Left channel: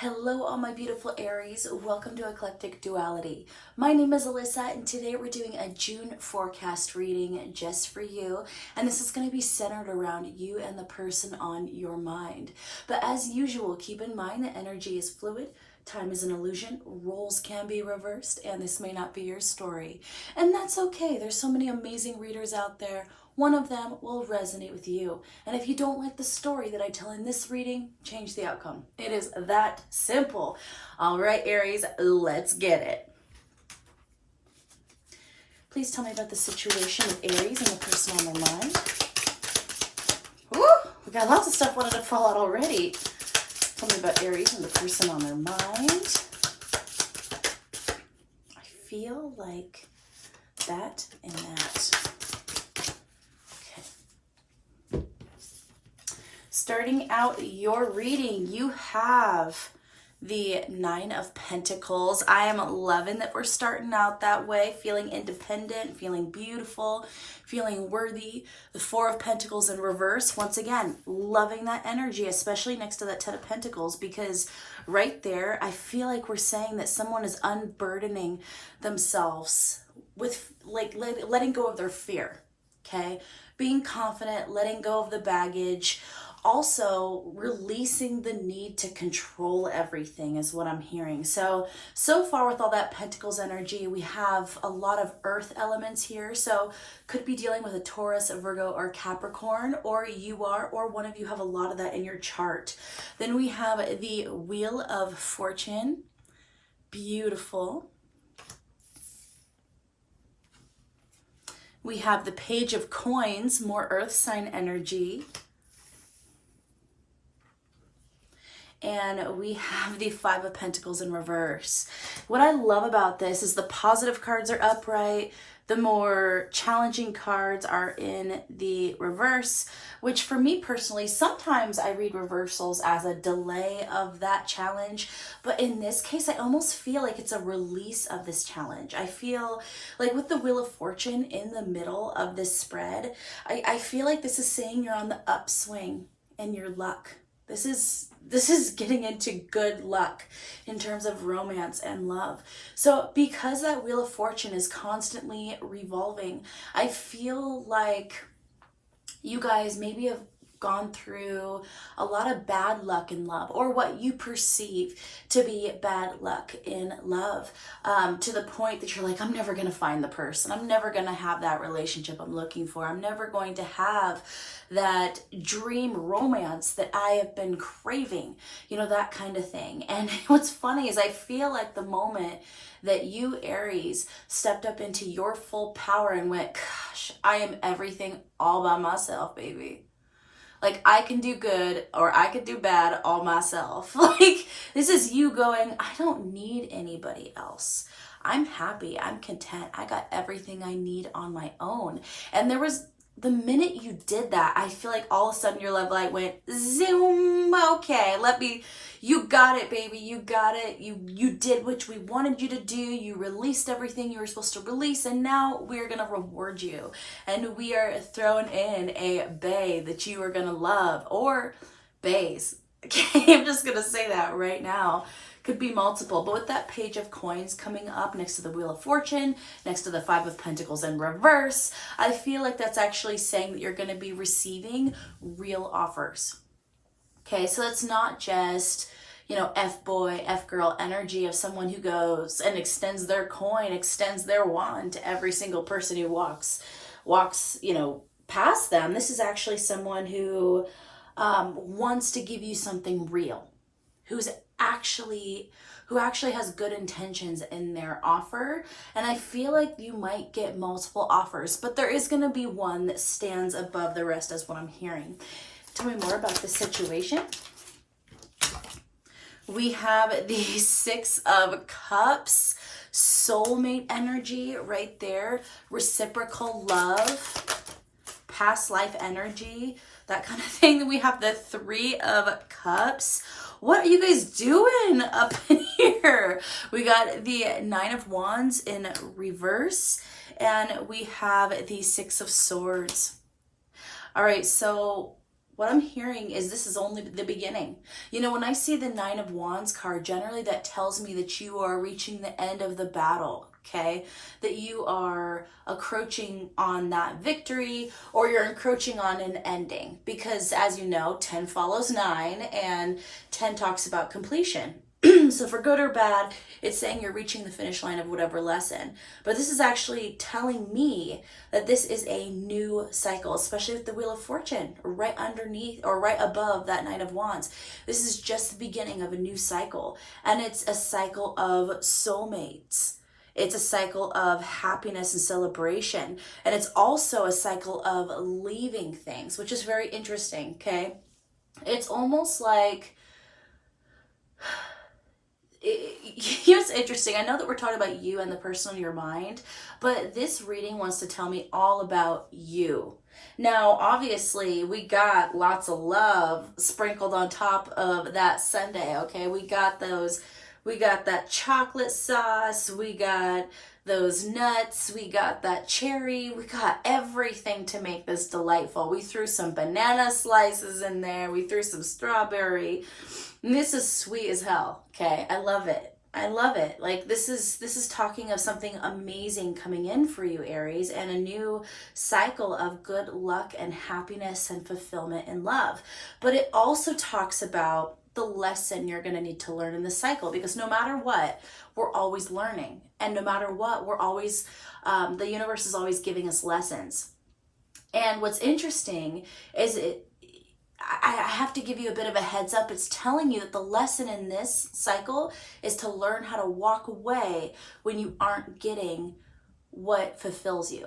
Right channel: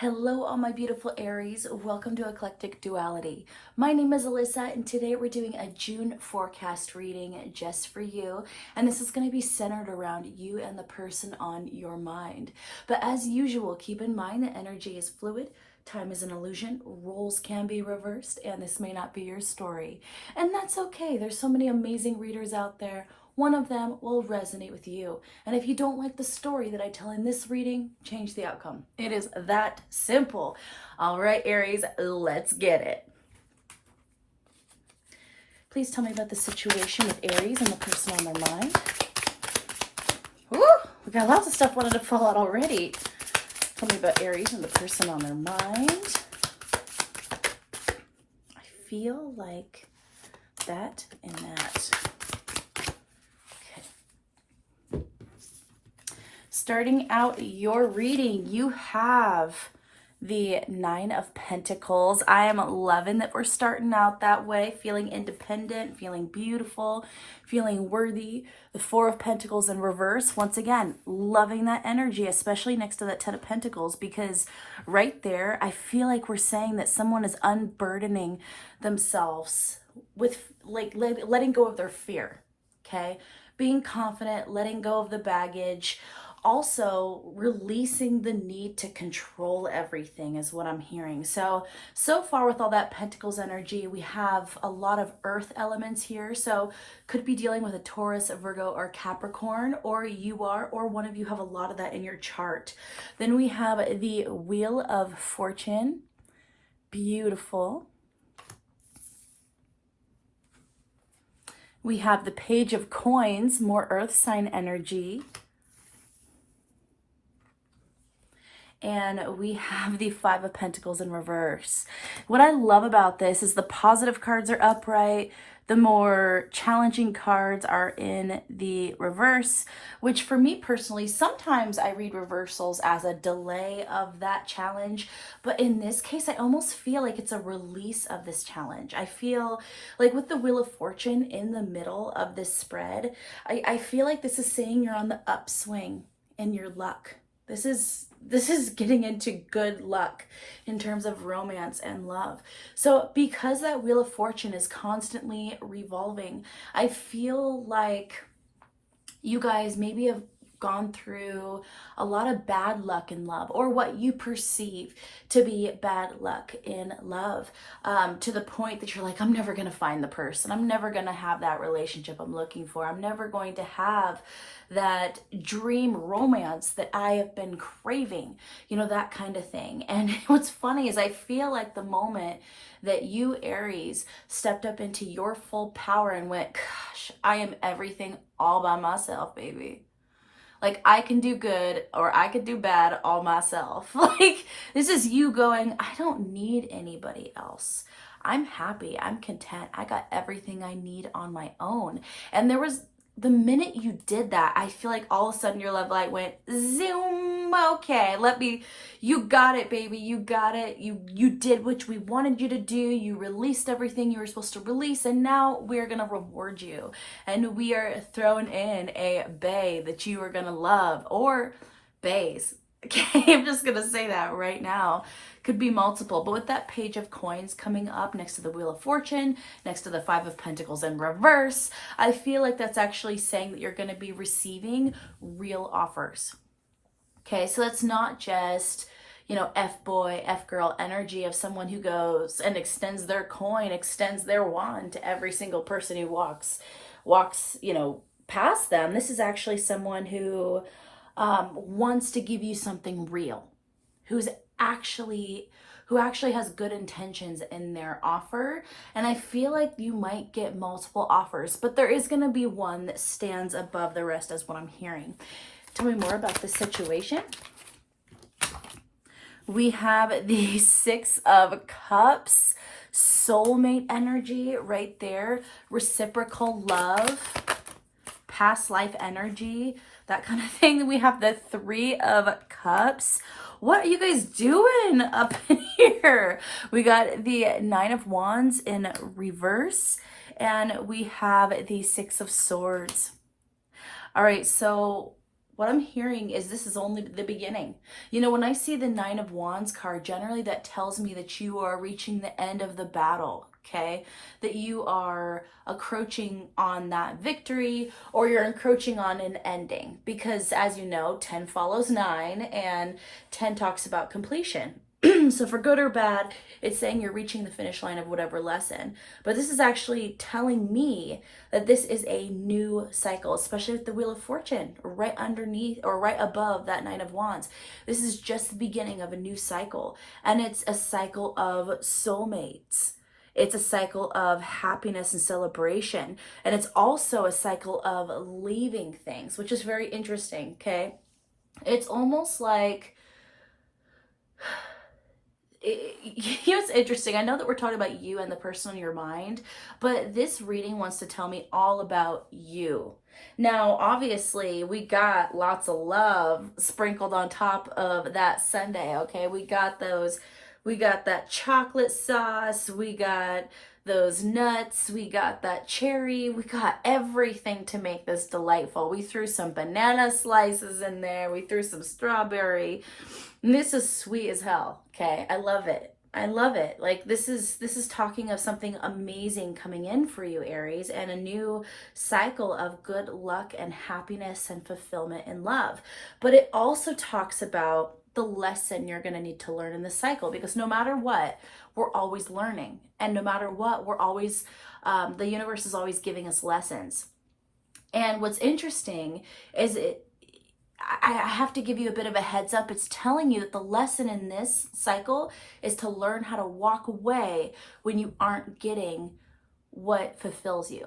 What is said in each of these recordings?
Hello, all my beautiful Aries. Welcome to Eclectic Duality. My name is Alyssa, and today we're doing a June forecast reading just for you. And this is going to be centered around you and the person on your mind. But as usual, keep in mind that energy is fluid. Time is an illusion, roles can be reversed, and this may not be your story. And that's okay. There's so many amazing readers out there. One of them will resonate with you. And if you don't like the story that I tell in this reading, change the outcome. It is that simple. All right, Aries, let's get it. Please tell me about the situation with Aries and the person on their mind. Woo! We got lots of stuff wanted to fall out already. Tell me about Aries and the person on their mind. I feel like that and that. Okay. Starting out your reading, you have the Nine of Pentacles. I am loving that we're starting out that way, feeling independent, feeling beautiful, feeling worthy. The Four of Pentacles in reverse. Once again, loving that energy, especially next to that Ten of Pentacles, because right there, I feel like we're saying that someone is unburdening themselves with letting go of their fear, okay? Being confident, letting go of the baggage. Also releasing the need to control everything is what I'm hearing. So far with all that Pentacles energy, we have a lot of earth elements here. So could be dealing with a Taurus, a Virgo, or Capricorn, or you are, or one of you have a lot of that in your chart. Then we have the Wheel of Fortune. Beautiful. We have the Page of Coins, more earth sign energy. And we have the Five of Pentacles in reverse. What I love about this is the positive cards are upright. The more challenging cards are in the reverse, which for me personally, sometimes I read reversals as a delay of that challenge. But in this case, I almost feel like it's a release of this challenge. I feel like with the Wheel of Fortune in the middle of this spread, I feel like this is saying you're on the upswing in your luck. This is getting into good luck in terms of romance and love. So because that Wheel of Fortune is constantly revolving, I feel like you guys maybe have gone through a lot of bad luck in love, or what you perceive to be bad luck in love, to the point that you're like, I'm never going to find the person. I'm never going to have that relationship I'm looking for. I'm never going to have that dream romance that I have been craving, that kind of thing. And what's funny is I feel like the moment that you, Aries, stepped up into your full power and went, gosh, I am everything all by myself, baby. Like, I can do good or I could do bad all myself. Like, this is you going, I don't need anybody else. I'm happy. I'm content. I got everything I need on my own. And there was, the minute you did that, I feel like all of a sudden your love light went zoom. Okay, you got it, baby. You got it. You did what we wanted you to do. You released everything you were supposed to release, and now we're gonna reward you. And we are throwing in a bae that you are gonna love, or baes. Okay, I'm just gonna say that right now. Could be multiple, but with that Page of Coins coming up next to the Wheel of Fortune, next to the Five of Pentacles in reverse, I feel like that's actually saying that you're going to be receiving real offers. Okay, so that's not just, F-boy, F-girl energy of someone who goes and extends their coin, extends their wand to every single person who walks, past them. This is actually someone who wants to give you something real, who actually has good intentions in their offer. And I feel like you might get multiple offers, but there is going to be one that stands above the rest, is what I'm hearing. Tell me more about the situation. We have the Six of Cups, soulmate energy right there, reciprocal love, past life energy, that kind of thing. We have the Three of Cups. What are you guys doing up in here? We got the Nine of Wands in reverse, and we have the Six of Swords. All right, so what I'm hearing is this is only the beginning. You know, when I see the Nine of Wands card, generally that tells me that you are reaching the end of the battle, okay? That you are encroaching on that victory, or you're encroaching on an ending. Because as you know, 10 follows 9, and 10 talks about completion. So for good or bad, it's saying you're reaching the finish line of whatever lesson. But this is actually telling me that this is a new cycle, especially with the Wheel of Fortune right underneath or right above that Knight of Wands. This is just the beginning of a new cycle, and it's a cycle of soulmates. It's a cycle of happiness and celebration, and it's also a cycle of leaving things, which is very interesting, okay? It's almost like it's interesting. I know that we're talking about you and the person on your mind, but this reading wants to tell me all about you. Now, obviously, we got lots of love sprinkled on top of that sundae, okay? We got that chocolate sauce, we got those nuts, we got that cherry, we got everything to make this delightful. We threw some banana slices in there, we threw some strawberry. And this is sweet as hell, okay? I love it. I love it. Like this is talking of something amazing coming in for you, Aries, and a new cycle of good luck and happiness and fulfillment and love. But it also talks about the lesson you're going to need to learn in the cycle, because no matter what, we're always learning, and no matter what, we're always the universe is always giving us lessons. And what's interesting is I have to give you a bit of a heads up. It's telling you that the lesson in this cycle is to learn how to walk away when you aren't getting what fulfills you.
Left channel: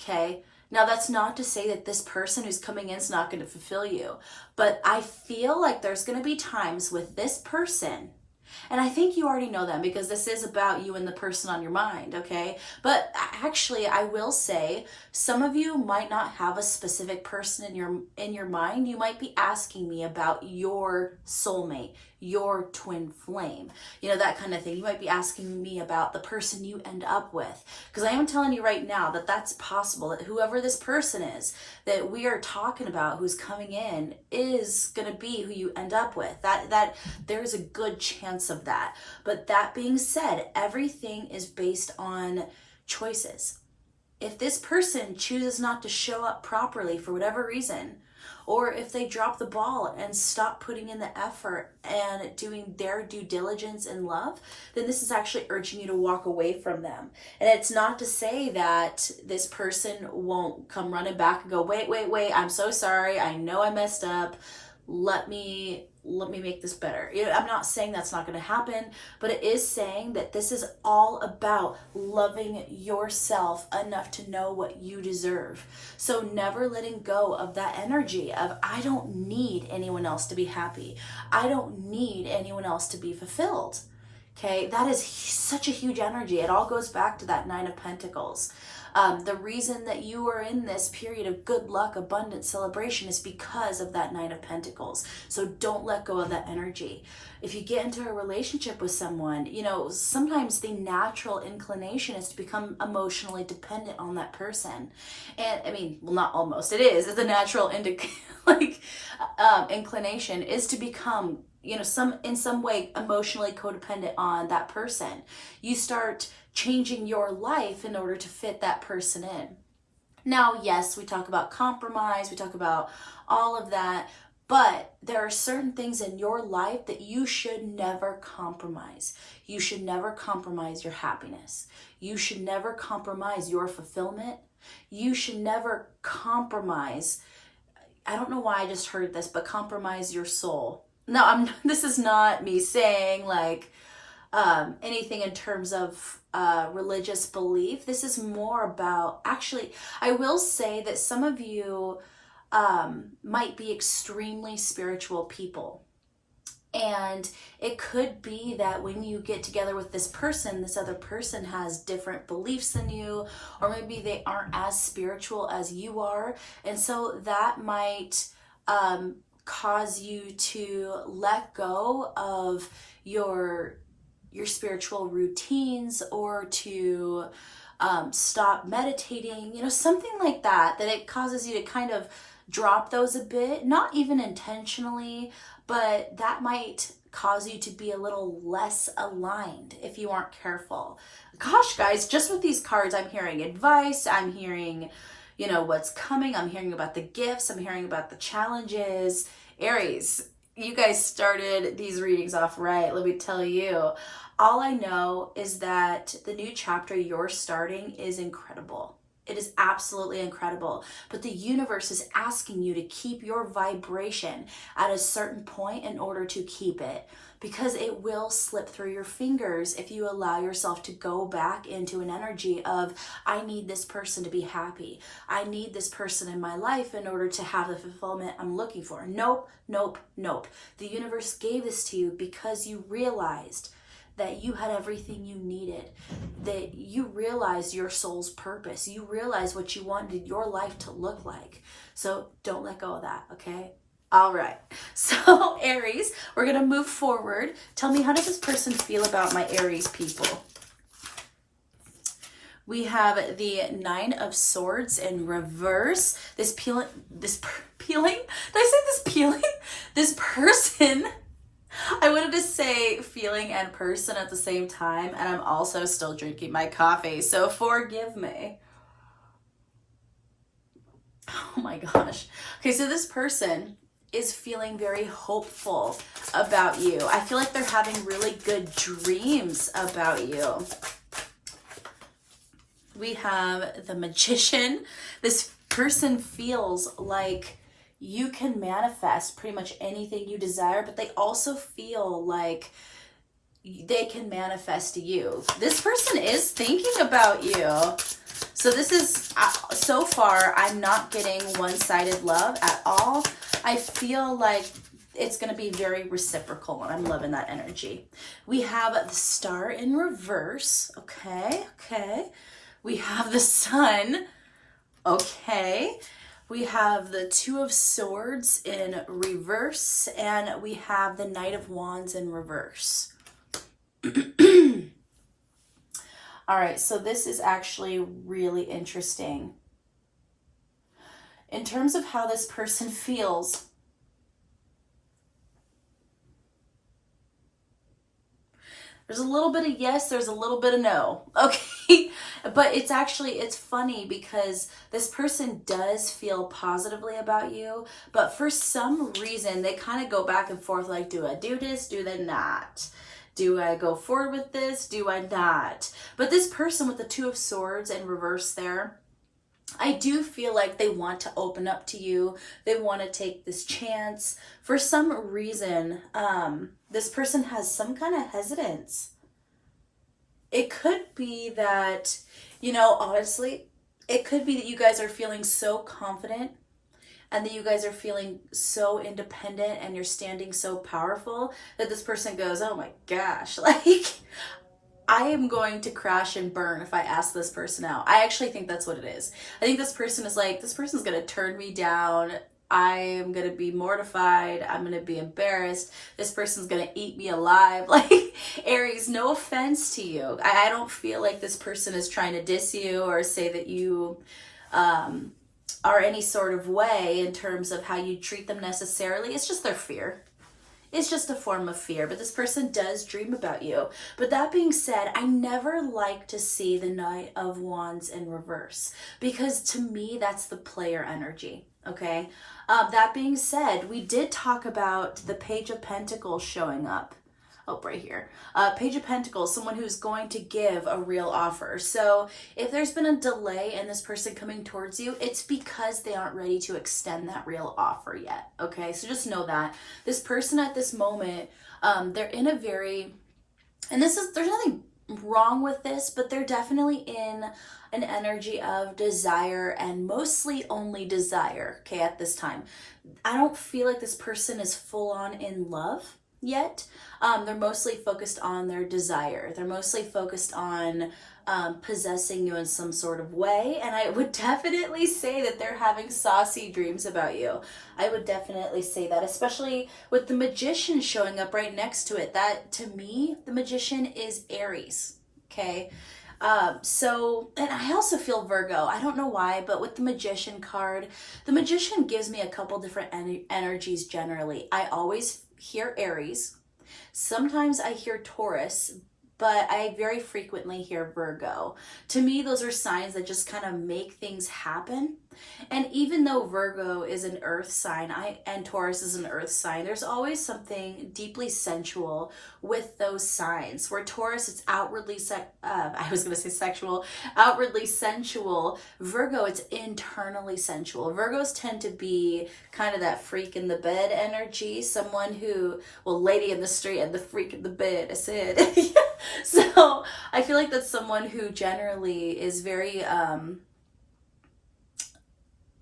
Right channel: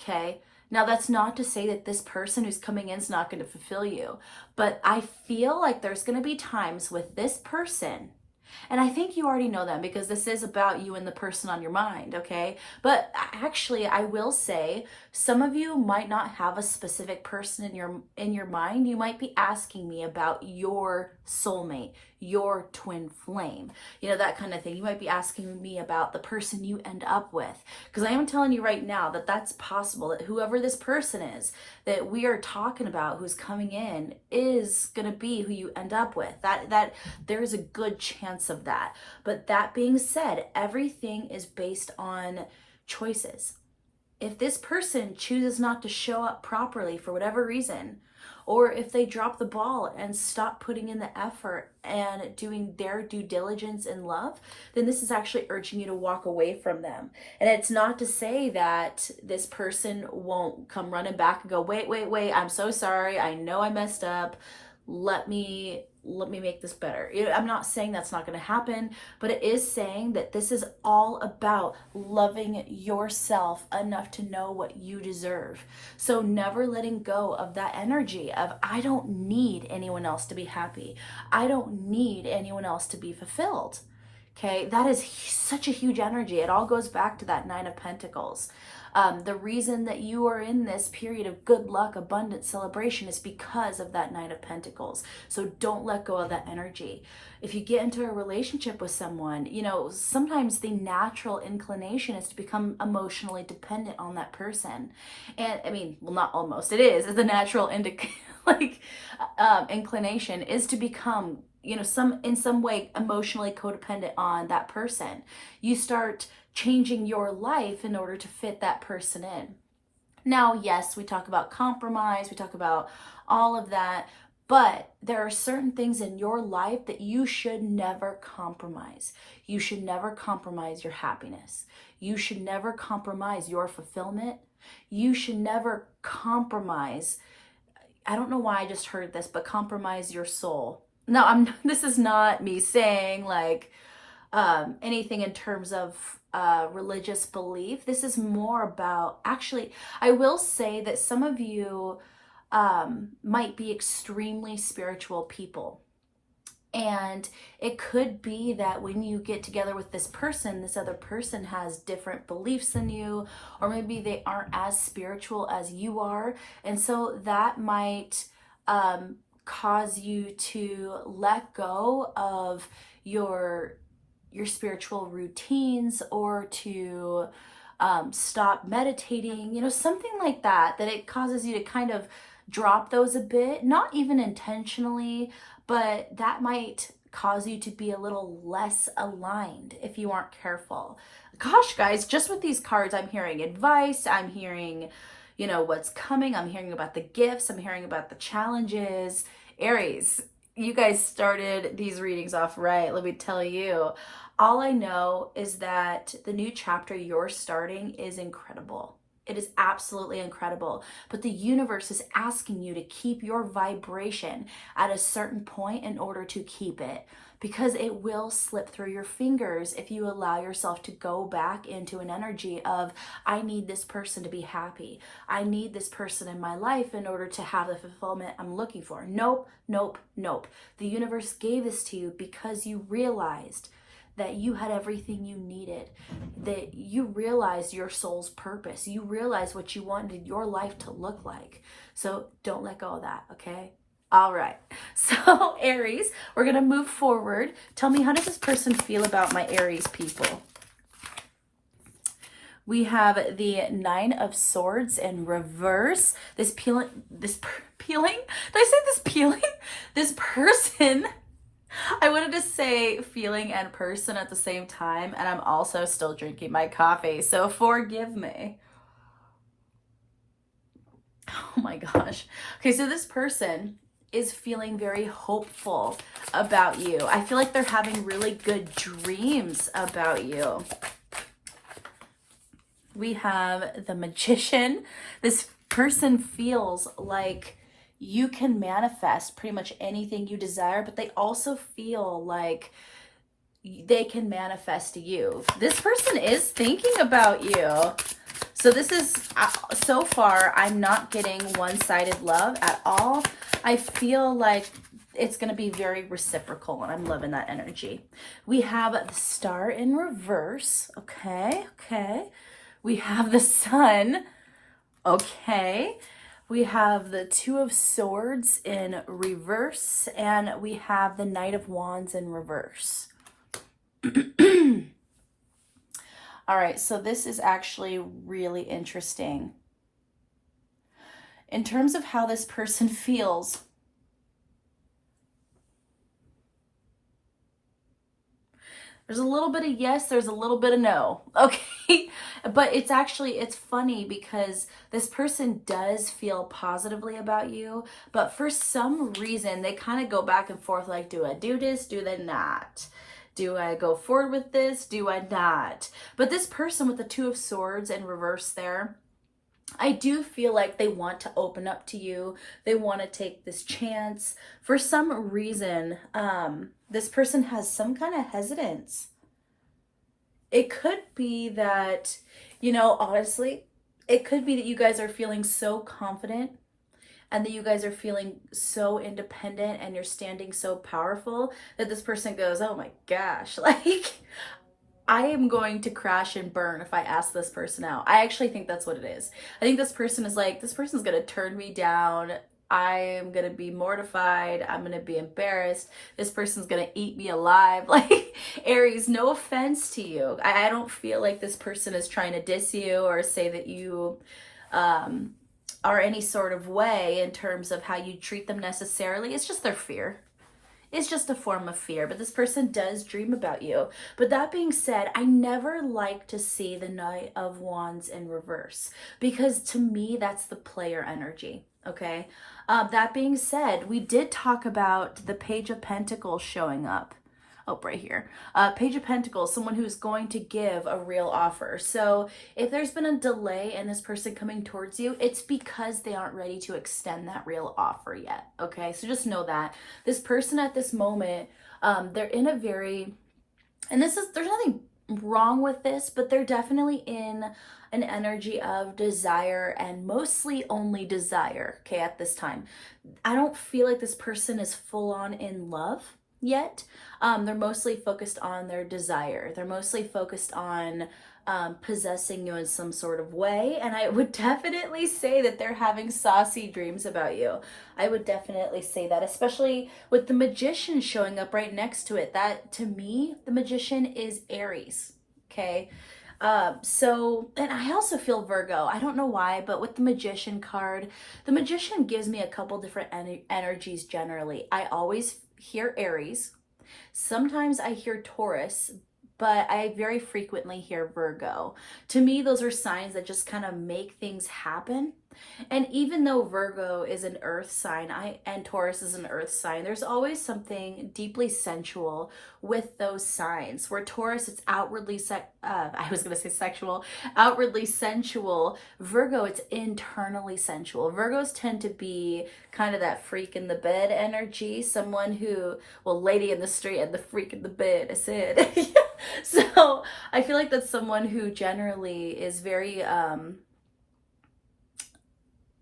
Okay? Now, that's not to say that this person who's coming in is not going to fulfill you, but I feel like there's going to be times with this person. And I think you already know them, because this is about you and the person on your mind, okay? But actually, I will say some of you might not have a specific person in your mind. You might be asking me about your soulmate, your twin flame, you know, that kind of thing. You might be asking me about the person you end up with, because I am telling you right now that that's possible, that whoever this person is that we are talking about who's coming in is going to be who you end up with. That there's a good chance of that. But that being said, everything is based on choices. If this person chooses not to show up properly for whatever reason, or if they drop the ball and stop putting in the effort and doing their due diligence in love, then this is actually urging you to walk away from them. And it's not to say that this person won't come running back and go, wait, I'm so sorry, I know I messed up, let me make this better. I'm not saying that's not going to happen, but it is saying that this is all about loving yourself enough to know what you deserve. So never letting go of that energy of, I don't need anyone else to be happy. I don't need anyone else to be fulfilled. Okay, that is such a huge energy. It all goes back to that Nine of Pentacles. The reason that you are in this period of good luck, abundance, celebration is because of that Nine of Pentacles. So don't let go of that energy. If you get into a relationship with someone, you know, sometimes the natural inclination is to become emotionally dependent on that person. And I mean, well, not almost, it is the natural inclination is to become, you know, in some way emotionally codependent on that person. You start changing your life in order to fit that person in. Now, yes, we talk about compromise, we talk about all of that, but there are certain things in your life that you should never compromise. You should never compromise your happiness. You should never compromise your fulfillment. You should never compromise, I don't know why I just heard this, but compromise your soul. No, this is not me saying like anything in terms of religious belief. This is more about, actually, I will say that some of you might be extremely spiritual people. And it could be that when you get together with this other person has different beliefs than you, or maybe they aren't as spiritual as you are. And so that might cause you to let go of your spiritual routines, or to stop meditating, you know, something like that, that it causes you to kind of drop those a bit, not even intentionally, but that might cause you to be a little less aligned if you aren't careful. Gosh, guys, just with these cards, I'm hearing advice, I'm hearing, you know, what's coming, I'm hearing about the gifts, I'm hearing about the challenges. Aries, you guys started these readings off right, let me tell you. All I know is that the new chapter you're starting is incredible. It is absolutely incredible. But the universe is asking you to keep your vibration at a certain point in order to keep it. Because it will slip through your fingers if you allow yourself to go back into an energy of, I need this person to be happy. I need this person in my life in order to have the fulfillment I'm looking for. Nope, nope, nope. The universe gave this to you because you realized that you had everything you needed, that you realized your soul's purpose, you realized what you wanted your life to look like. So don't let go of that, okay? All right, so Aries, we're gonna move forward. Tell me, how does this person feel about my Aries people? We have the Nine of Swords in reverse. This peeling, did I say this peeling? This person, I wanted to say feeling and person at the same time, and I'm also still drinking my coffee, so forgive me. Oh my gosh. Okay, so this person is feeling very hopeful about you. I feel like they're having really good dreams about you. We have the Magician. This person feels like you can manifest pretty much anything you desire, but they also feel like they can manifest you. This person is thinking about you. So this is, so far, I'm not getting one-sided love at all. I feel like it's going to be very reciprocal, and I'm loving that energy. We have the Star in reverse. Okay, okay. We have the Sun. Okay. We have the Two of Swords in reverse, and we have the Knight of Wands in reverse. All right, so this is actually really interesting. In terms of how this person feels, there's a little bit of yes, there's a little bit of no, okay? But it's actually, it's funny because this person does feel positively about you, but for some reason, they kind of go back and forth like, do I do this, do I not? Do I go forward with this, do I not? But this person with the Two of Swords in reverse there, I do feel like they want to open up to you. They want to take this chance. For some reason, this person has some kind of hesitance. It could be that, you know, honestly, it could be that you guys are feeling so confident and that you guys are feeling so independent and you're standing so powerful that this person goes, oh my gosh, like, I am going to crash and burn if I ask this person out. I actually think that's what it is. I think this person is like, this person's going to turn me down. I am going to be mortified. I'm going to be embarrassed. This person's going to eat me alive. Like, Aries, no offense to you. I don't feel like this person is trying to diss you or say that you are any sort of way in terms of how you treat them necessarily. It's just their fear. It's just a form of fear, but this person does dream about you. But that being said, I never like to see the Knight of Wands in reverse because to me, that's the player energy, okay? That being said, we did talk about the Page of Pentacles showing up. Oh, right here. Page of Pentacles, someone who's going to give a real offer. So if there's been a delay in this person coming towards you, it's because they aren't ready to extend that real offer yet. Okay, so just know that. This person at this moment, they're in a very, and there's nothing wrong with this, but they're definitely in an energy of desire and mostly only desire, okay, at this time. I don't feel like this person is full on in love yet. They're mostly focused on their desire. They're mostly focused on possessing you in some sort of way. And I would definitely say that they're having saucy dreams about you. I would definitely say that, especially with the Magician showing up right next to it. That, to me, the Magician is Aries, okay? And I also feel Virgo. I don't know why, but with the Magician card, the Magician gives me a couple different energies generally. I always hear Aries. Sometimes I hear Taurus, but I very frequently hear Virgo. To me, those are signs that just kind of make things happen. And even though Virgo is an earth sign, and Taurus is an earth sign, there's always something deeply sensual with those signs. Where Taurus, it's I was going to say sexual, outwardly sensual. Virgo, it's internally sensual. Virgos tend to be kind of that freak in the bed energy, someone who, well, lady in the street and the freak in the bed, I said. So I feel like that's someone who generally is very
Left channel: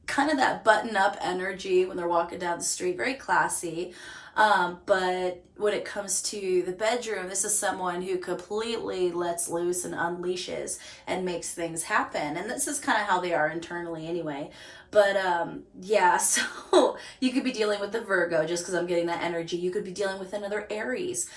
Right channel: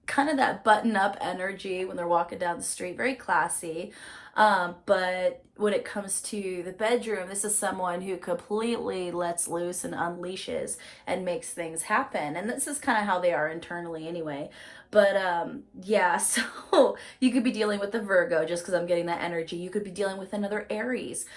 kind of that button up energy when they're walking down the street, very classy. But when it comes to the bedroom, this is someone who completely lets loose and unleashes and makes things happen. And this is kind of how they are internally anyway. But yeah, so you could be dealing with the Virgo just because I'm getting that energy. You could be dealing with another Aries.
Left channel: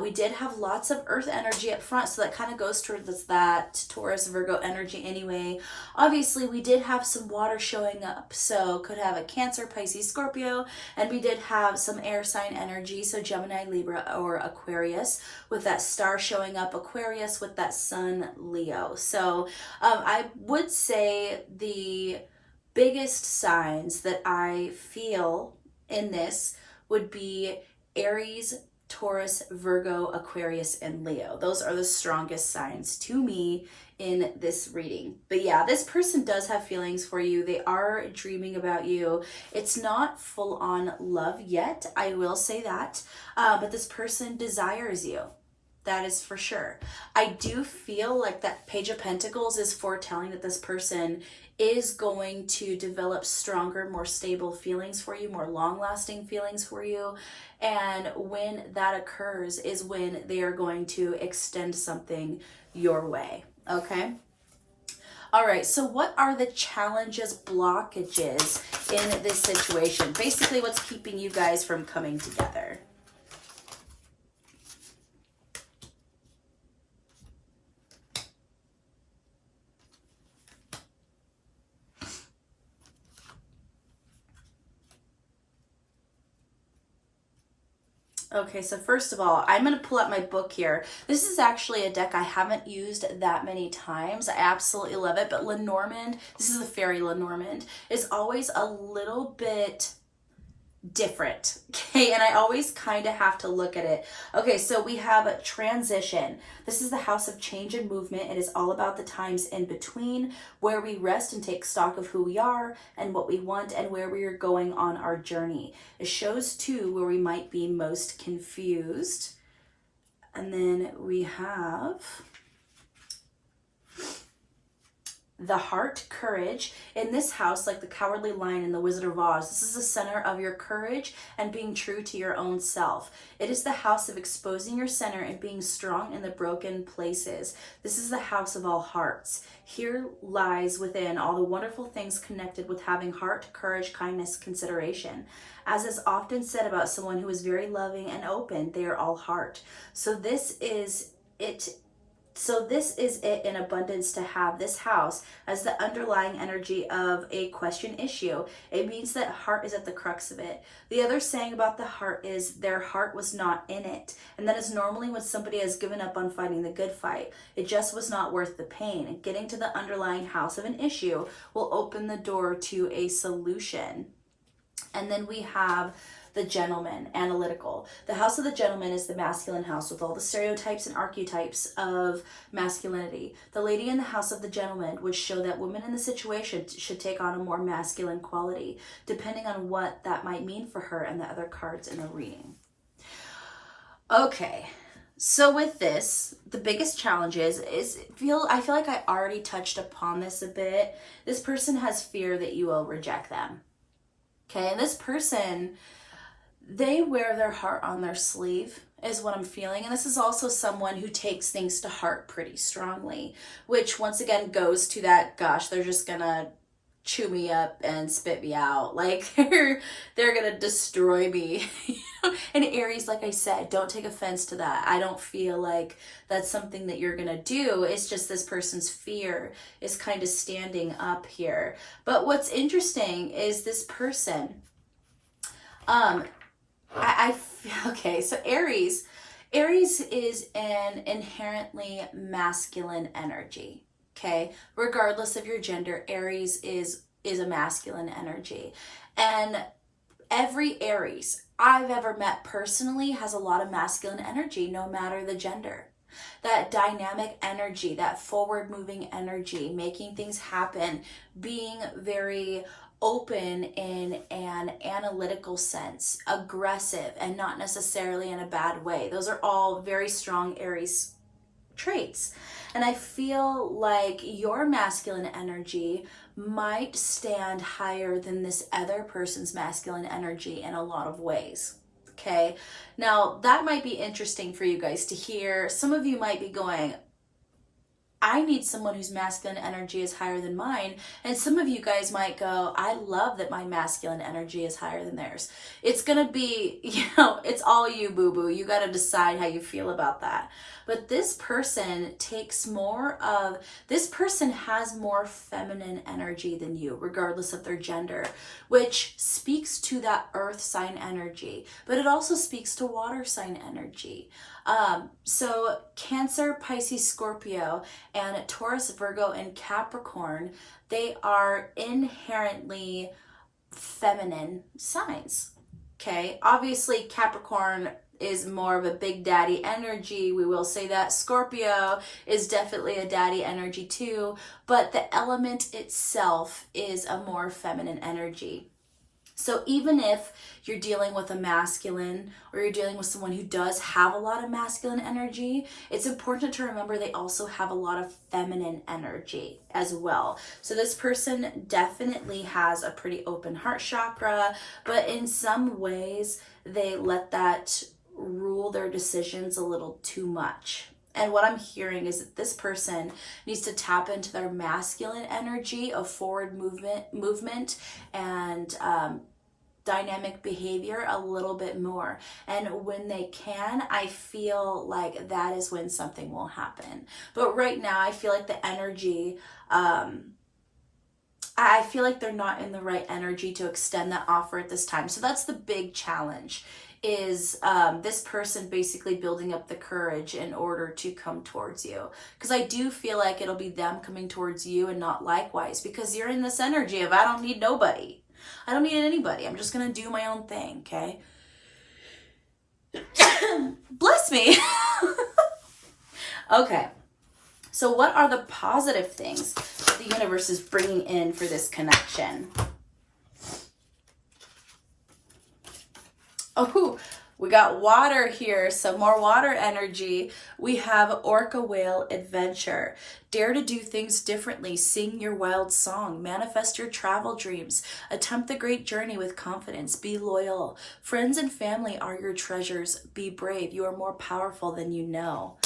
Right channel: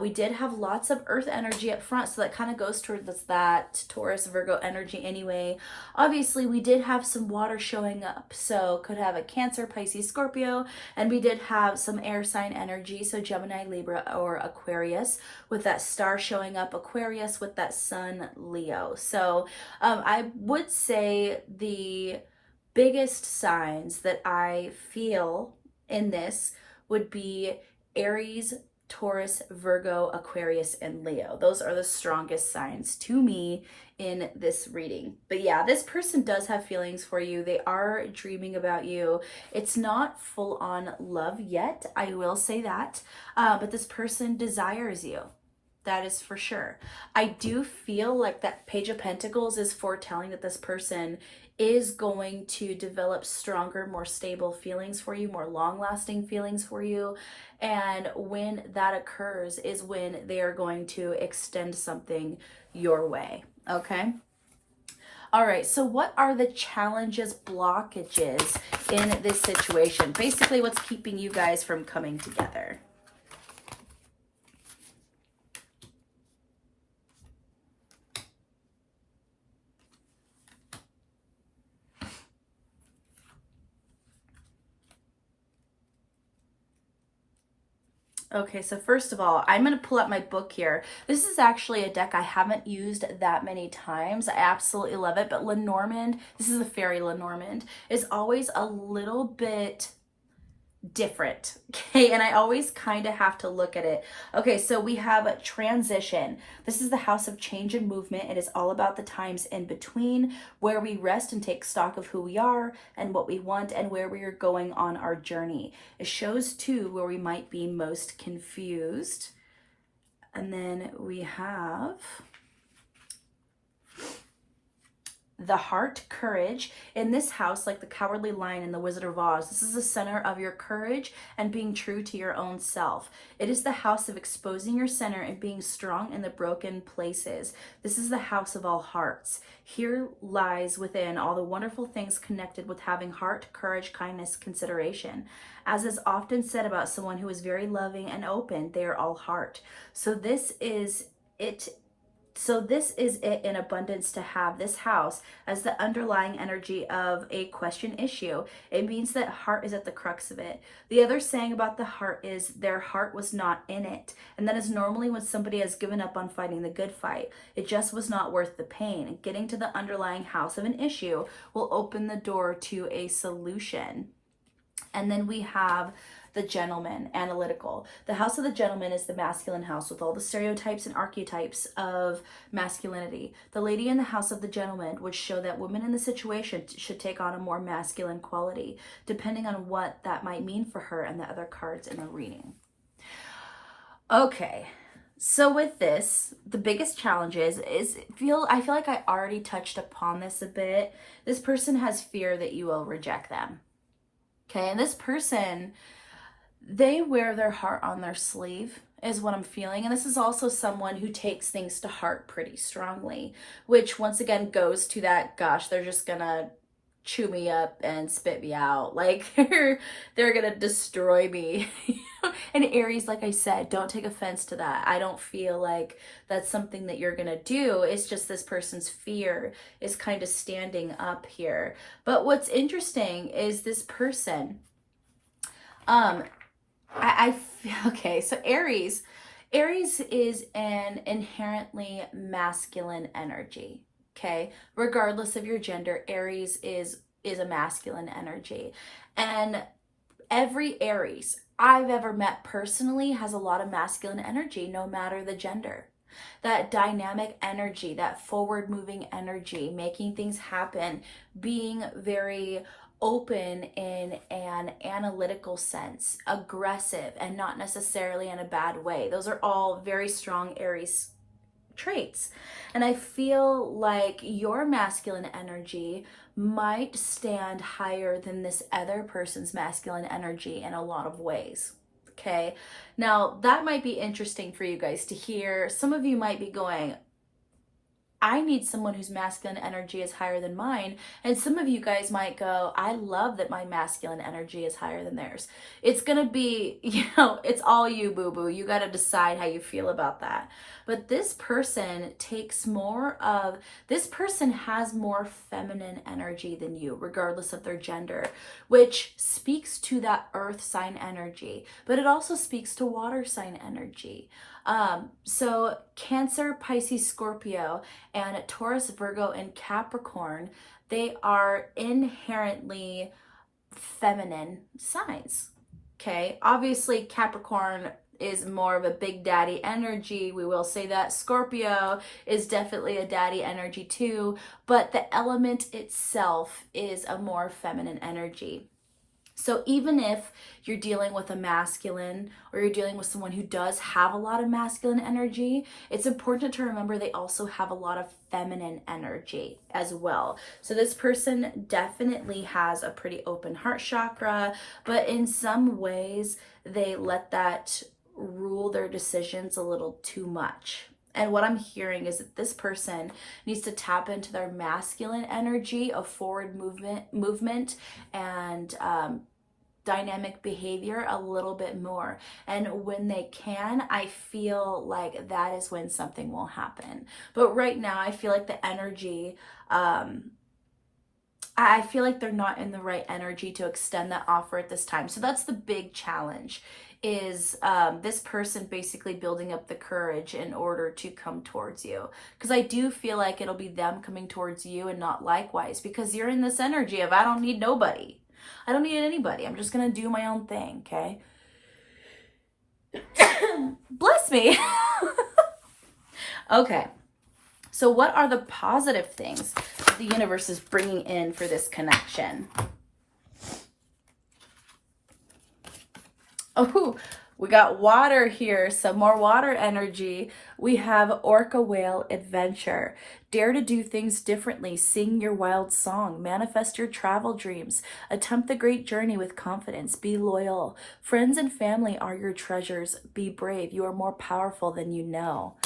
We did have lots of earth energy up front, so that kind of goes towards that Taurus Virgo energy anyway. Obviously, we did have some water showing up, so could have a Cancer, Pisces, Scorpio, and we did have some air sign energy, so Gemini, Libra, or Aquarius, with that star showing up, Aquarius with that sun, Leo. So I would say the biggest signs that I feel in this would be Aries, Taurus, Virgo, Aquarius, and Leo. Those are the strongest signs to me in this reading. But yeah, this person does have feelings for you. They are dreaming about you. It's not full on love yet, I will say that. But this person desires you. That is for sure. I do feel like that Page of Pentacles is foretelling that this person is going to develop stronger, more stable feelings for you, more long-lasting feelings for you. And when that occurs is when they are going to extend something your way, okay? All right, so what are the challenges, blockages in this situation? Basically, what's keeping you guys from coming together? Okay, so first of all, I'm going to pull up my book here. This is actually a deck I haven't used that many times. I absolutely love it, but Lenormand, this is the Fairy Lenormand, is always a little bit different, okay? And I always kind of have to look at it. Okay, so we have a transition. This is the house of change and movement. It is all about the times in between, where we rest and take stock of who we are and what we want and where we are going on our journey. It shows too where we might be most confused. And then we have the heart, courage. In this house, like the Cowardly Lion in the Wizard of Oz, this is the center of your courage and being true to your own self. It is the house of exposing your center and being strong in the broken places. This is the house of all hearts. Here lies within all the wonderful things connected with having heart, courage, kindness, consideration. As is often said about someone who is very loving and open, they are all heart. So this is it in abundance to have this house as the underlying energy of a question issue. It means that heart is at the crux of it. The other saying about the heart is their heart was not in it. And that is normally when somebody has given up on fighting the good fight. It just was not worth the pain. And getting to the underlying house of an issue will open the door to a solution. And then we have the gentleman, analytical. The house of the gentleman is the masculine house with all the stereotypes and archetypes of masculinity. The lady in the house of the gentleman would show that women in the situation should take on a more masculine quality, depending on what that might mean for her and the other cards in the reading. Okay, so with this, the biggest challenge is I feel like I already touched upon this a bit. This person has fear that you will reject them. Okay, and this person, they wear their heart on their sleeve is what I'm feeling. And this is also someone who takes things to heart pretty strongly, which once again goes to that, gosh, they're just gonna chew me up and spit me out. Like they're gonna destroy me. And Aries, like I said, don't take offense to that. I don't feel like that's something that you're gonna do. It's just this person's fear is kind of standing up here. But what's interesting is this person. Um, I feel okay. So Aries is an inherently masculine energy. Okay, regardless of your gender, Aries is a masculine energy, and every Aries I've ever met personally has a lot of masculine energy, no matter the gender. That dynamic energy, that forward moving energy, making things happen, being very open in an analytical sense, aggressive, and not necessarily in a bad way. Those are all very strong Aries traits. And I feel like your masculine energy might stand higher than this other person's masculine energy in a lot of ways. Okay, now that might be interesting for you guys to hear. Some of you might be going, I need someone whose masculine energy is higher than mine. And some of you guys might go, I love that my masculine energy is higher than theirs. It's going to be, it's all you, boo boo. You got to decide how you feel about that. But this person this person has more feminine energy than you, regardless of their gender, which speaks to that earth sign energy. But it also speaks to water sign energy. So Cancer, Pisces, Scorpio, and Taurus, Virgo, and Capricorn, they are inherently feminine signs. Okay, obviously Capricorn is more of a big daddy energy. We will say that Scorpio is definitely a daddy energy too, but the element itself is a more feminine energy. So even if you're dealing with a masculine or you're dealing with someone who does have a lot of masculine energy, it's important to remember they also have a lot of feminine energy as well. So this person definitely has a pretty open heart chakra, but in some ways they let that rule their decisions a little too much. And what I'm hearing is that this person needs to tap into their masculine energy of forward movement and dynamic behavior a little bit more. And when they can, I feel like that is when something will happen. But right now, I feel like the energy, I feel like they're not in the right energy to extend that offer at this time. So that's the big challenge, is this person basically building up the courage in order to come towards you. Because I do feel like it'll be them coming towards you and not likewise, because you're in this energy of I don't need nobody. I don't need anybody. I'm just going to do my own thing, okay? Bless me. Okay. So what are the positive things the universe is bringing in for this connection? Oh, we got water here, some more water energy. We have Orca Whale Adventure. Dare to do things differently. Sing your wild song. Manifest your travel dreams. Attempt the great journey with confidence. Be loyal. Friends and family are your treasures. Be brave. You are more powerful than you know.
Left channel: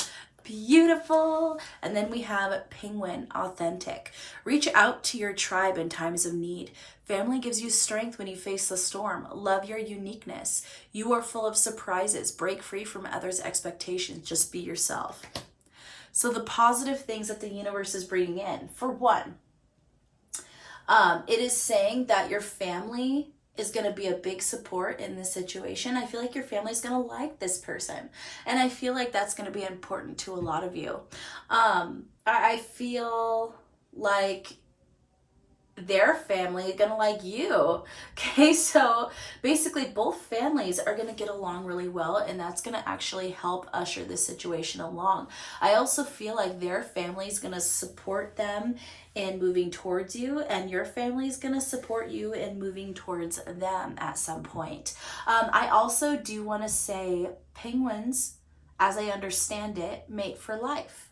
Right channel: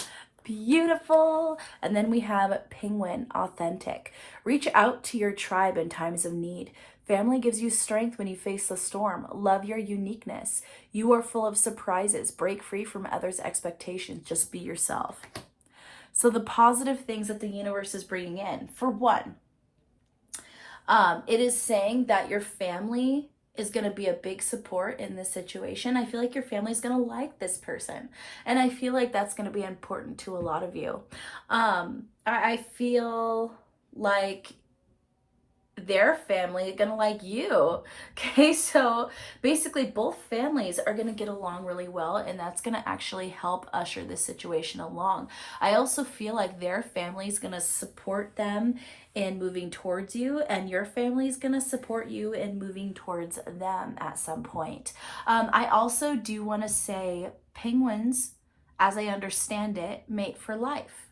Beautiful. And then we have Penguin Authentic. Reach out to your tribe in times of need. Family gives you strength when you face the storm. Love your uniqueness. You are full of surprises. Break free from others' expectations. Just be yourself. So the positive things that the universe is bringing in. For one, it is saying that your family is going to be a big support in this situation. I feel like your family is going to like this person. And I feel like that's going to be important to a lot of you. I feel like their family is gonna like you. Okay, so basically both families are gonna get along really well, and that's gonna actually help usher this situation along. I also feel like their family is gonna support them in moving towards you, and your family is gonna support you in moving towards them at some point. I also do want to say penguins, as I understand it, mate for life.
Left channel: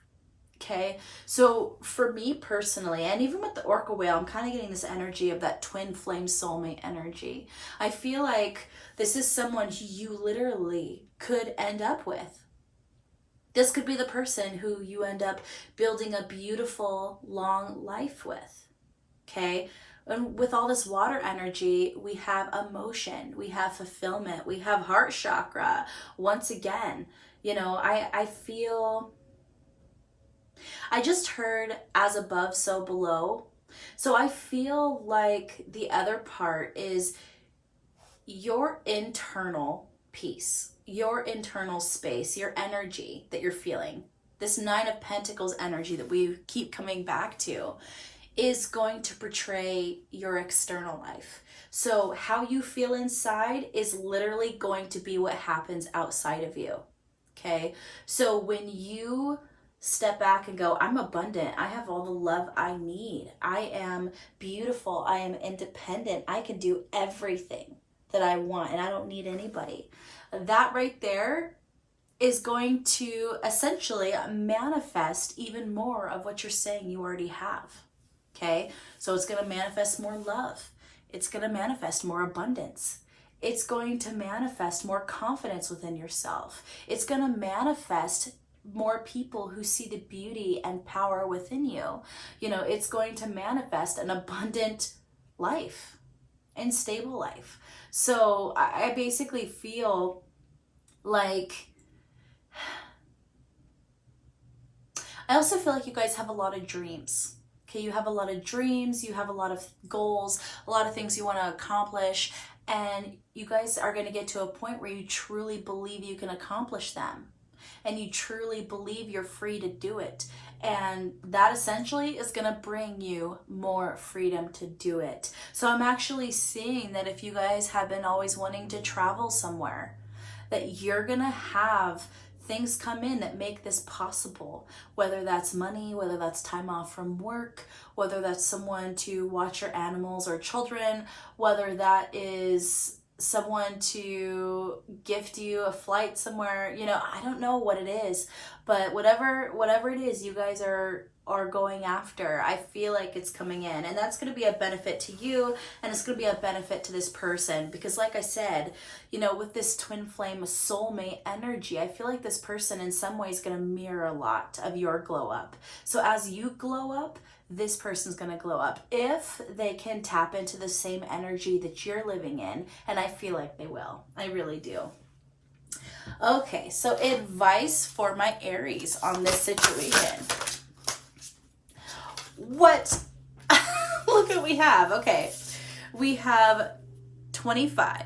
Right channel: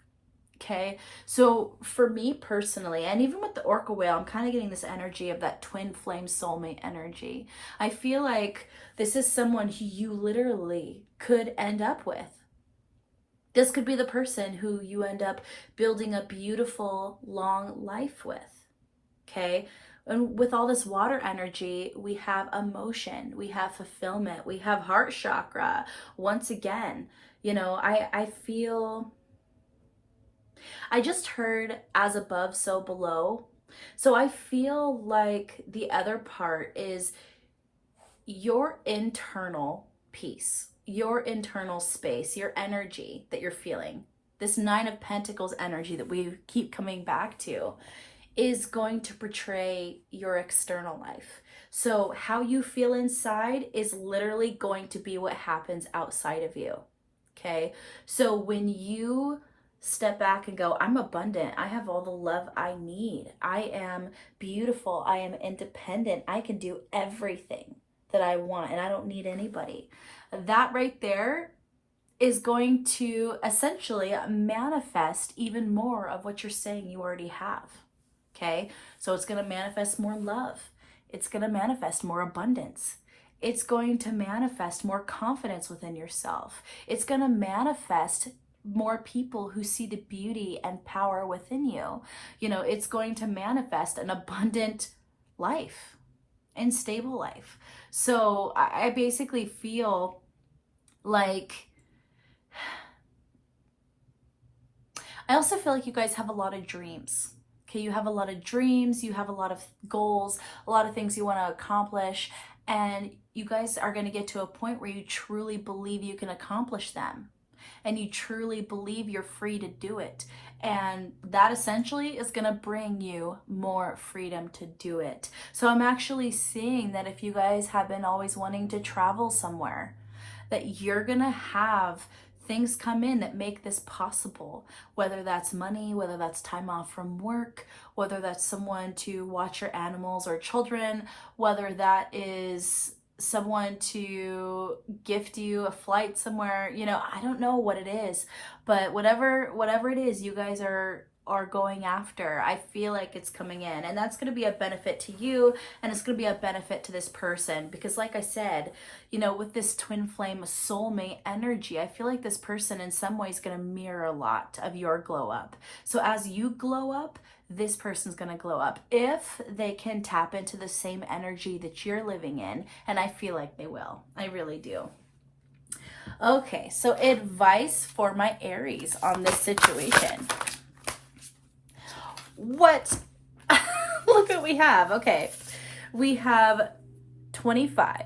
Okay, so for me personally, and even with the orca whale, I'm kind of getting this energy of that twin flame soulmate energy. I feel like this is someone who you literally could end up with. This could be the person who you end up building a beautiful, long life with. Okay, And with all this water energy, we have emotion, we have fulfillment, we have heart chakra. Once again, you know, I feel, I just heard as above, so below. So I feel like the other part is your internal peace, your internal space, your energy that you're feeling. This Nine of Pentacles energy that we keep coming back to is going to portray your external life. So, how you feel inside is literally going to be what happens outside of you. Okay? So, when you step back and go, I'm abundant, I have all the love I need, I am beautiful, I am independent, I can do everything that I want, and I don't need anybody. That right there is going to essentially manifest even more of what you're saying you already have. Okay, so it's going to manifest more love, it's going to manifest more abundance, it's going to manifest more confidence within yourself, it's going to manifest more people who see the beauty and power within you. You know, it's going to manifest an abundant life and stable life. So I basically feel like, I also feel like you guys have a lot of dreams. Okay, you have a lot of dreams, you have a lot of goals, a lot of things you want to accomplish, and you guys are going to get to a point where you truly believe you can accomplish them. And you truly believe you're free to do it. And that essentially is going to bring you more freedom to do it. So I'm actually seeing that if you guys have been always wanting to travel somewhere, that you're going to have things come in that make this possible, whether that's money, whether that's time off from work, whether that's someone to watch your animals or children, whether that is someone to gift you a flight somewhere. You know, I don't know what it is, but whatever it is you guys are going after, I feel like it's coming in, and that's going to be a benefit to you, and it's going to be a benefit to this person, because like I said, you know, with this twin flame soulmate energy, I feel like this person in some ways is going to mirror a lot of your glow up. So as you glow up, this person's going to glow up if they can tap into the same energy that you're living in, and I feel like they will. I really do. Okay, so advice for my Aries on this situation. What? Look what we have. Okay, we have 25.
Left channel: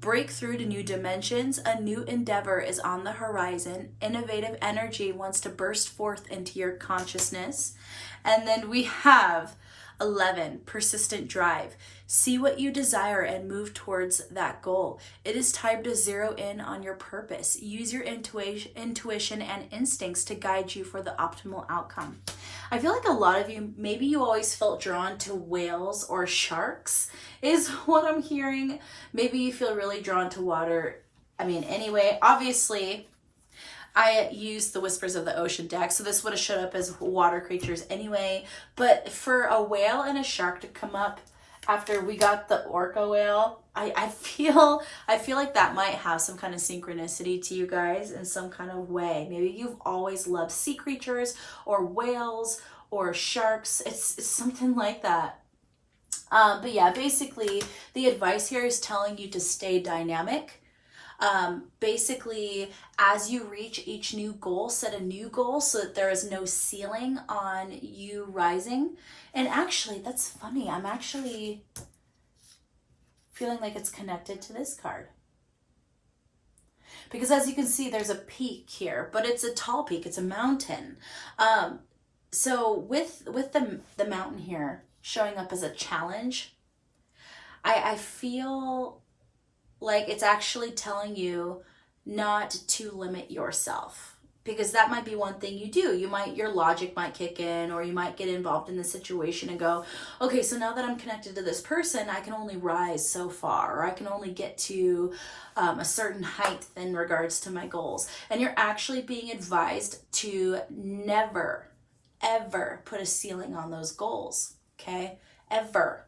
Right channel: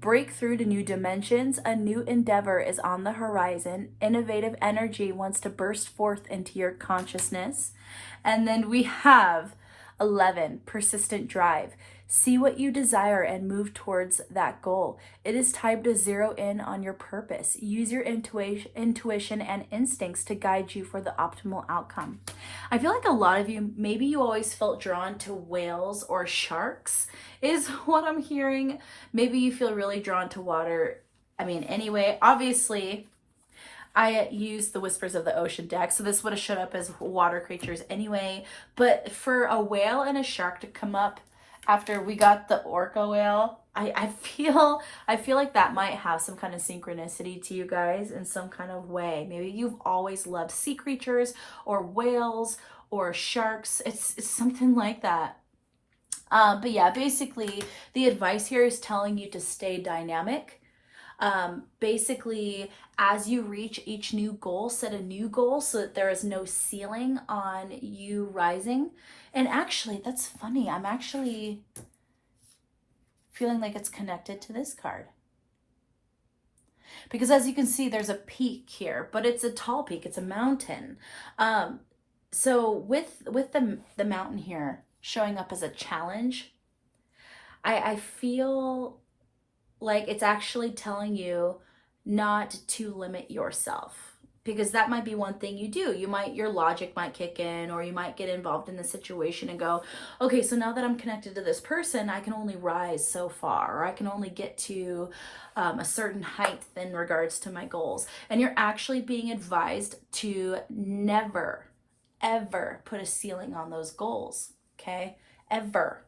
Break through to new dimensions. A new endeavor is on the horizon. Innovative energy wants to burst forth into your consciousness. And then we have 11. Persistent drive. See what you desire and move towards that goal. It is time to zero in on your purpose. Use your intuition and instincts to guide you for the optimal outcome. I feel like a lot of you, maybe you always felt drawn to whales or sharks, is what I'm hearing. Maybe you feel really drawn to water. I mean, anyway, obviously, I used the Whispers of the Ocean deck, so this would have showed up as water creatures anyway. But for a whale and a shark to come up after we got the orca whale, I feel like that might have some kind of synchronicity to you guys in some kind of way. Maybe you've always loved sea creatures or whales or sharks. It's something like that. But yeah, basically the advice here is telling you to stay dynamic. Basically, as you reach each new goal, set a new goal so that there is no ceiling on you rising. And actually, that's funny. I'm actually feeling like it's connected to this card. Because as you can see, there's a peak here, but it's a tall peak. It's a mountain. So with the mountain here showing up as a challenge, I feel like it's actually telling you not to limit yourself, because that might be one thing you do. Your logic might kick in, or you might get involved in the situation and go, okay, so now that I'm connected to this person, I can only rise so far, or I can only get to a certain height in regards to my goals. And you're actually being advised to never, ever put a ceiling on those goals, okay? Ever.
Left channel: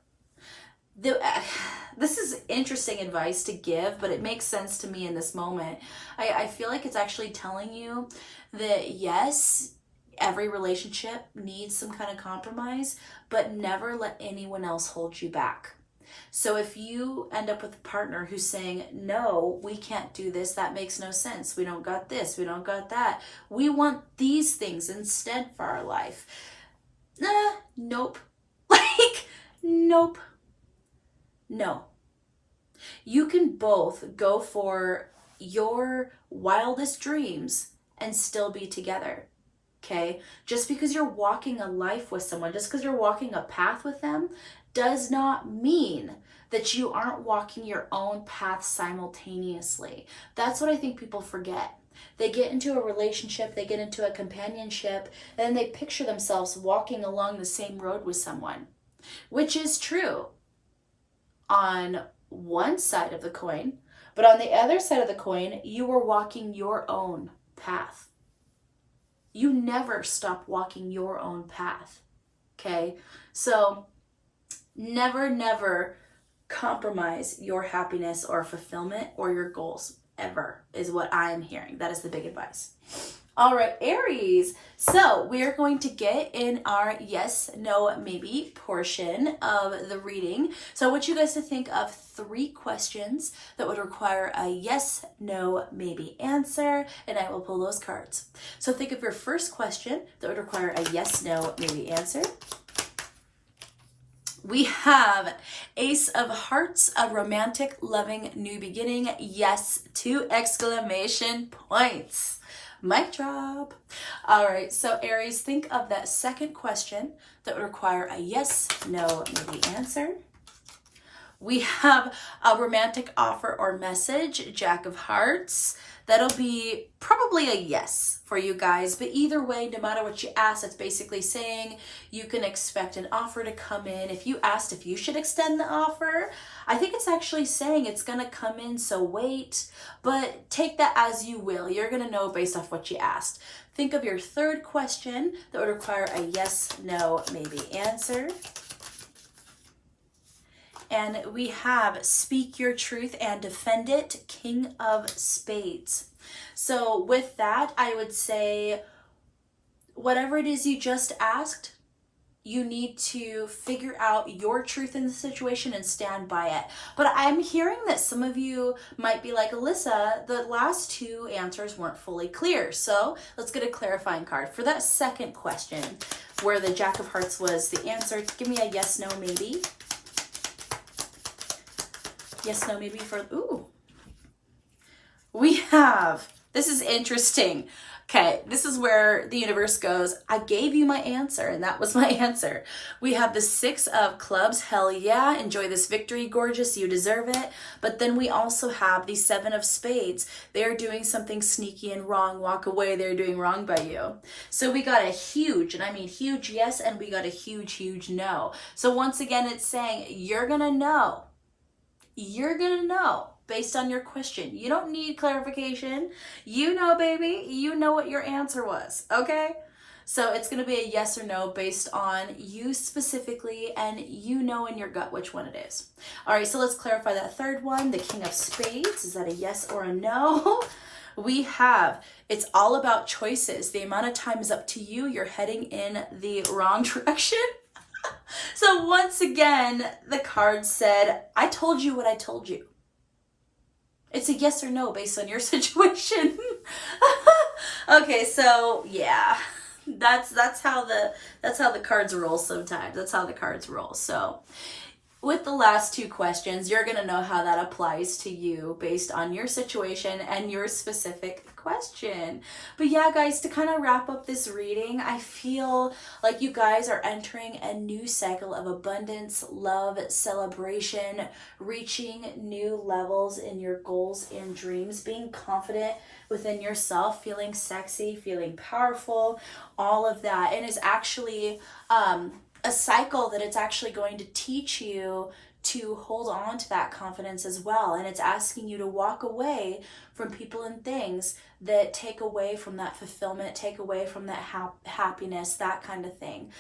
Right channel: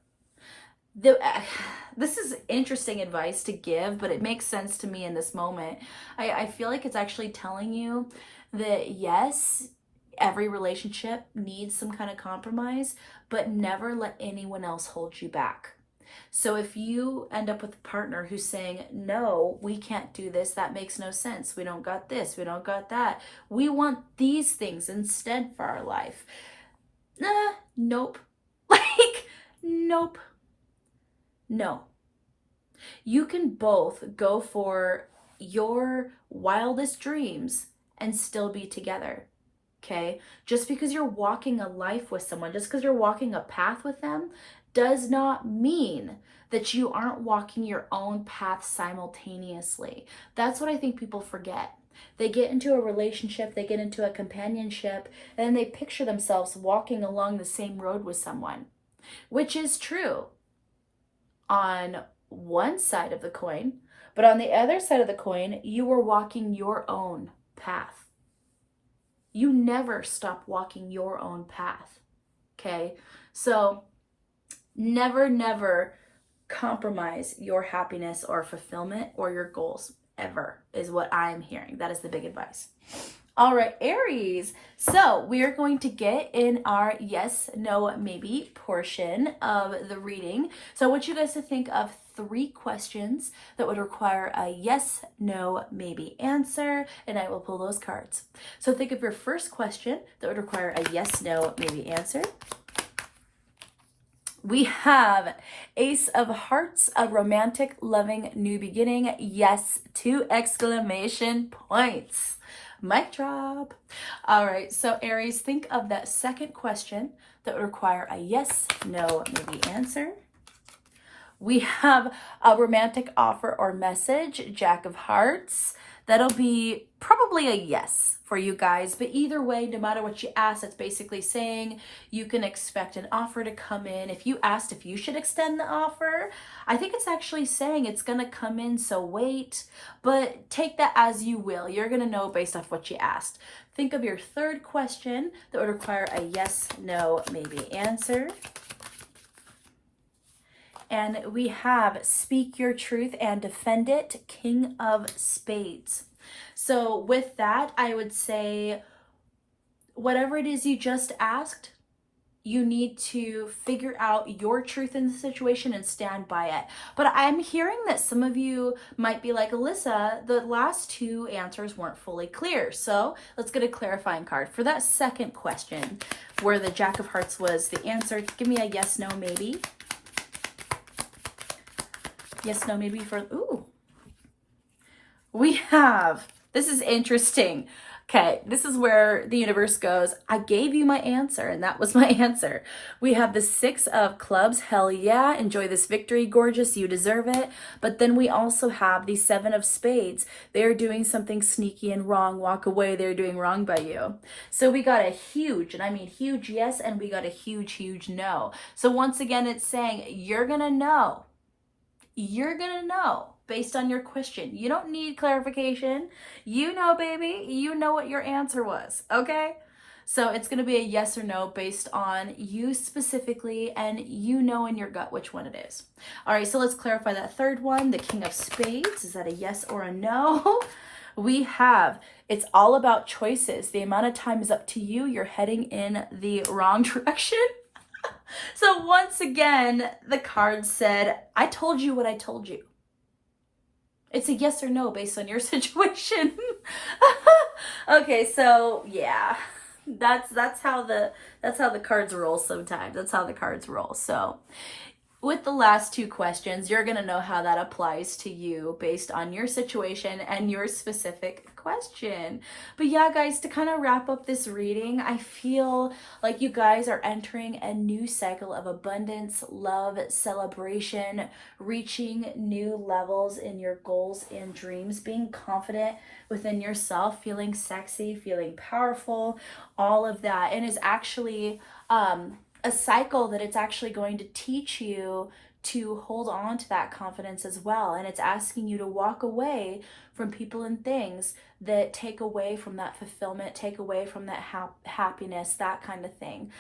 This is interesting advice to give, but it makes sense to me in this moment. I feel like it's actually telling you that yes, Every relationship needs some kind of compromise, but never let anyone else hold you back. So if you end up with a partner who's saying, no, we can't do this, that makes no sense, we don't got this, we don't got that, we want these things instead for our life. Nope. Like, nope. No. You can both go for your wildest dreams and still be together. Okay? Just because you're walking a life with someone, just because you're walking a path with them, does not mean that you aren't walking your own path simultaneously. That's what I think people forget. They get into a relationship, they get into a companionship, and then they picture themselves walking along the same road with someone, which is true on one side of the coin, but on the other side of the coin, you are walking your own path. You never stop walking your own path. Okay? So never compromise your happiness or fulfillment or your goals ever, is what I'm hearing. That is the big advice. All right, Aries. So we are going to get in our yes, no, maybe portion of the reading. So I want you guys to think of 3 questions that would require a yes, no, maybe answer, and I will pull those cards. So think of your first question that would require a yes, no, maybe answer. We have Ace of Hearts, a romantic, loving, new beginning. Yes, 2 exclamation points. Mic drop. All right, so Aries, think of that second question that would require a yes, no, maybe answer. We have a romantic offer or message, Jack of Hearts. That'll be probably a yes for you guys, but either way, no matter what you ask, it's basically saying you can expect an offer to come in. If you asked if you should extend the offer, I think it's actually saying it's going to come in, so wait, but take that as you will. You're going to know based off what you asked. Think of your third question that would require a yes, no, maybe answer. And we have speak your truth and defend it, King of Spades. So with that, I would say whatever it is you just asked, you need to figure out your truth in the situation and stand by it. But I'm hearing that some of you might be like, Alyssa, the last 2 answers weren't fully clear. So let's get a clarifying card. For that second question, where the Jack of Hearts was the answer, give me a yes, no, maybe. Yes, no, maybe for, ooh. We have, this is interesting. Okay, this is where the universe goes, I gave you my answer, and that was my answer. We have the 6 of Clubs, hell yeah, enjoy this victory, gorgeous, you deserve it. But then we also have the 7 of Spades. They're doing something sneaky and wrong, walk away, they're doing wrong by you. So we got a huge, and I mean huge yes, and we got a huge no. So once again, it's saying, you're gonna know. You're gonna know based on your question. You don't need clarification. You know, baby, you know what your answer was, okay? So it's gonna be a yes or no based on you specifically, and you know in your gut which one it is. All right, so let's clarify that third one, the King of Spades. Is that a yes or a no? We have, it's all about choices. The amount of time is up to you. You're heading in the wrong direction. So once again, the card said, I told you what I told you. It's a yes or no based on your situation. Okay, so yeah, that's how the cards roll sometimes. That's how the cards roll. So with the last 2 questions, you're going to know how that applies to you based on your situation and your specific question. But yeah, guys, to kind of wrap up this reading, I feel like you guys are entering a new cycle of abundance, love, celebration, reaching new levels in your goals and dreams, being confident within yourself, feeling sexy, feeling powerful, all of that. And is actually a cycle that it's actually going to teach you to hold on to that confidence as well. And it's asking you to walk away from people and things that take away from that fulfillment, take away from that happiness, that kind of thing.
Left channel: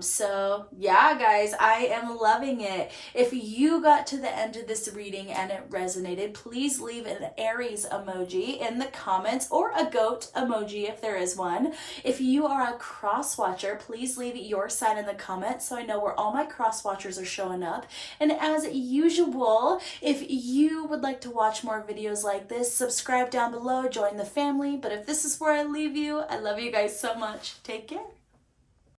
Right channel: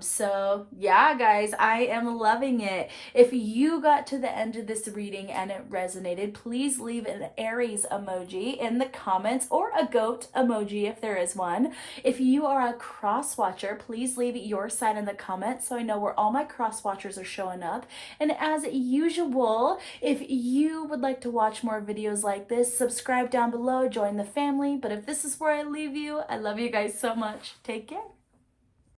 So yeah, guys, I am loving it. If you got to the end of this reading and it resonated, please leave an Aries emoji in the comments, or a goat emoji if there is one. If you are a cross watcher, please leave your sign in the comments so I know where all my cross watchers are showing up. And as usual, if you would like to watch more videos like this, subscribe down below, join the family. But if this is where I leave you, I love you guys so much. Take care.